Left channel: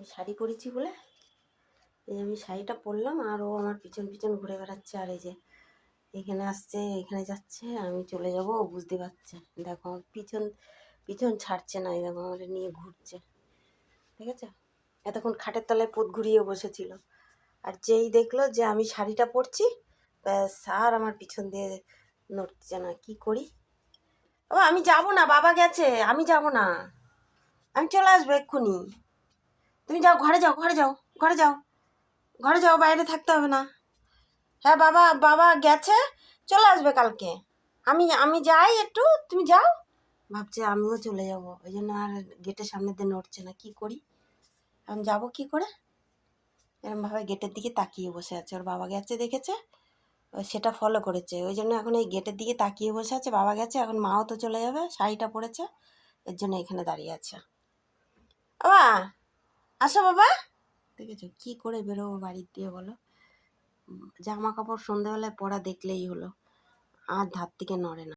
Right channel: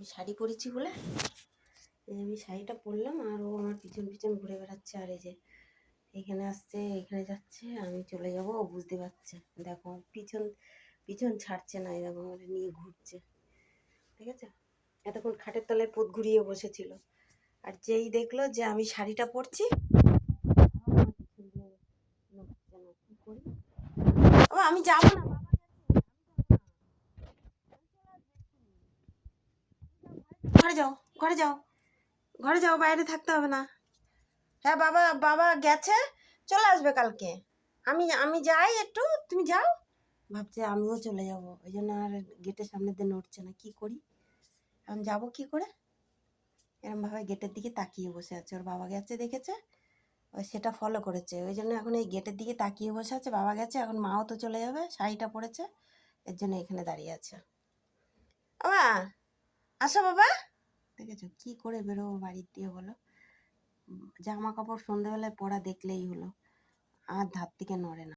আমি শাড়ি পরেছি বলে এই আমি শাড়িটা পরলাম, আর ও আমার পিছন পিছন ঘুরে বেড়াচ্ছে। আর এই যে এখানে আসছে, এখানে যাচ্ছে, আমি চলে যাব, ও বুঝতে পারছে। দেখো আমার পিছন পিছন ছাড়ছে না, এই দেখো আমাদের নিয়ে ঘুরছে, ঠিক আছে। এতক্ষণ খাটের তলায় পোত ঘুরিয়ে বসেছিল, আর যেই দেখলো যে আমি শাড়িটা পরছি, ব্যাস আর আমার পিছন দিয়ে নড়ছে না। কি করি? ও আমি যাব না, বাবা গেছে, আমি যাব না, আমি চলে আসবো এক্ষুনি। তুমি যাও, ঘরে যাও, ঘরে যাও, ঘরে যাও, ঘরে যাও, বাইরে থাকতে হবে না। হ্যাঁ বাবা, বাবা গেছে, চলে আসবে কালকে। আমি আমি যাই একটু, তুমি যাও। ভাবছে আমিও চলে যাব, ওই জন্য আর গেটের সামনে দিয়ে নড়ছে না। কি করি এখন, যাবো কি করে? এরমভাবে গেটের দিকে তাকিয়ে বসে আছে। ওর বাবা গেছে দেখেছে, ও সেটা ফলো করেছে, ওই জন্য এখন এই গেটের দিকে তাকিয়ে বসে আছে। বাবা গেছে, এখন মাও তো চলে যাবে, শাড়িটা পরেছে, এর জন্য এখানে দাঁড়িয়ে আছে। বাবা আসো বাবা। দেখেছো কি করে বেরোবো বাড়ির দিয়ে বলো? জামা কাপড় সন্ধ্যাবেলায় পরা দেখলেই হলো, আর ধার থেকে নড়ে না।